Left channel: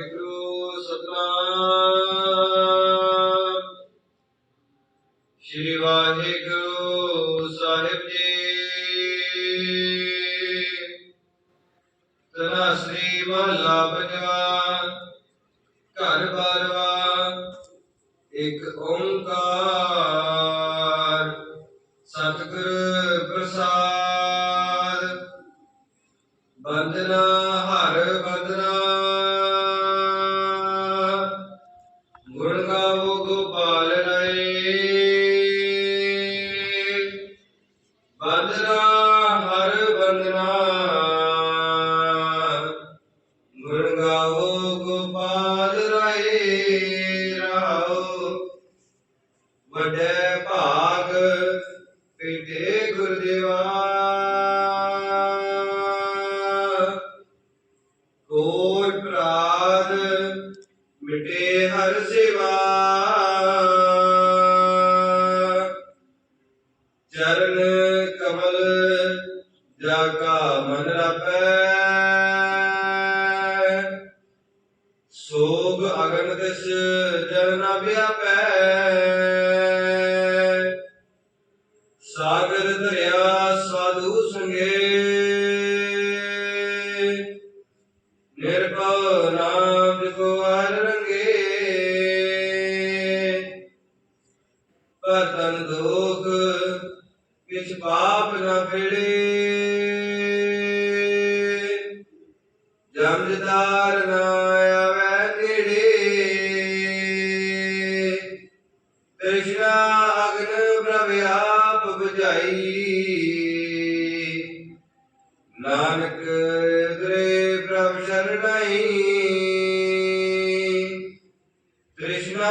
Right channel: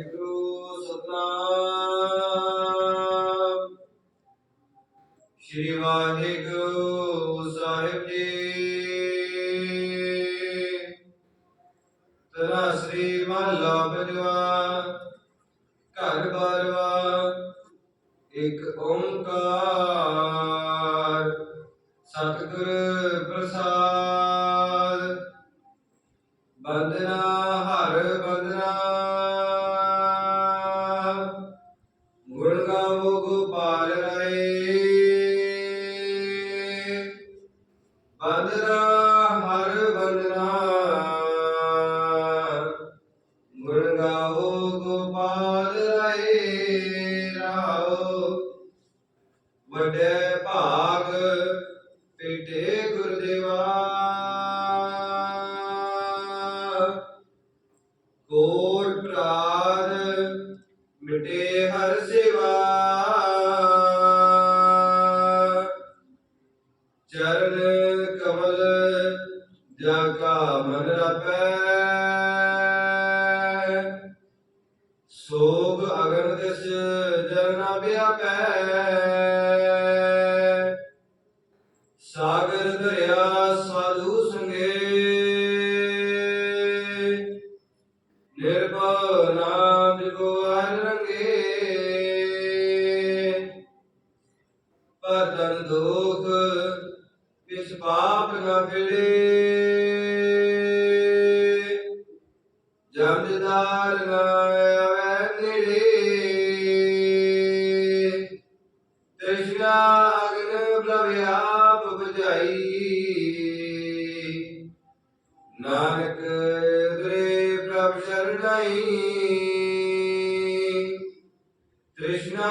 ਵਾਹਿਗੁਰੂ ਸਤਨਾਮ ਸ਼੍ਰੀ ਵਾਹਿਗੁਰੂ ਸਾਹਿਬ ਜੀ ਤਨਾ ਸ੍ਰੀ ਮਹਲਾ ਪੰਜਵਾ ਘਰ ਬਾਰਵਾ ਇੱਕ ਓੰਕਾਰ ਸਤਿਗੁਰ ਪ੍ਰਸਾਦ ਬੰਦਨਾ ਵੱਡੇ ਭਾਗ ਪੀਟੇ ਗੁਰਦੇਵਾ। ਕੋਟ ਪ੍ਰਾਨ ਮਿਟੇ ਹਰ ਸੇਵਾ। ਚਰਨ ਕਮਲ ਜਾ ਕਾ ਮਨ ਰਪੈ ਸੋਗ ਅਗਨ ਦਿਸ ਜਨ ਵਿਆਪੈ। ਨਾਮ ਜਪਵਾਰ ਰੰਗੇ। ਪਤਨ ਦੁਖ ਵਿਚ ਪਾਪ ਨਾ ਫਿੜੇ। ਜੰਜਦਾਰ ਨਾ ਆਵੇ ਨੇੜੇ। ਤ੍ਰਿਸ਼ਨਾ ਅਗਨ ਪ੍ਰਭ ਬੁਝਾਈ। ਨਾਨਕ ਸ਼ਰਣਾਈ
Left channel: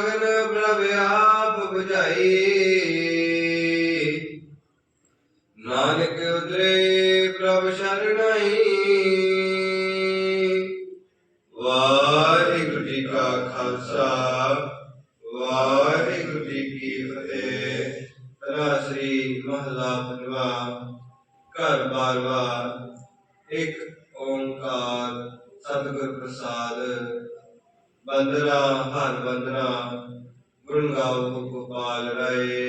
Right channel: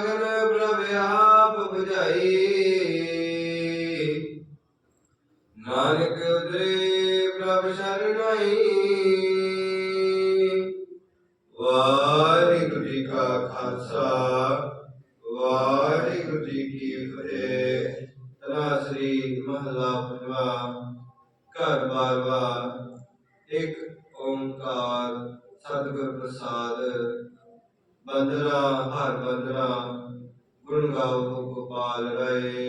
ਅਗਨ ਪ੍ਰਭ ਆਪ ਬੁਝਾਈ। ਨਾਨਕ ਉਦਰੇ ਪ੍ਰਭ ਸ਼ਰਣਾਈ। ਵਾਹਿਗੁਰੂ ਜੀ ਕਾ ਖਾਲਸਾ, ਵਾਹਿਗੁਰੂ ਜੀ ਕੀ ਫਤਿਹ। ਤਰਾ ਸ੍ਰੀ ਮਹਲਾ ਪੰਜਵਾ ਘਰ ਬਾਰਵਾ ਇੱਕ ਓੰਕਾਰ ਸਤਿਗੁਰ ਪ੍ਰਸਾਦ ਬੰਦਰਾ ਹਰ ਬੰਦਰਾ ਗੁਣ ਗਾਓ ਗੋਪਾਲ ਰਾਏ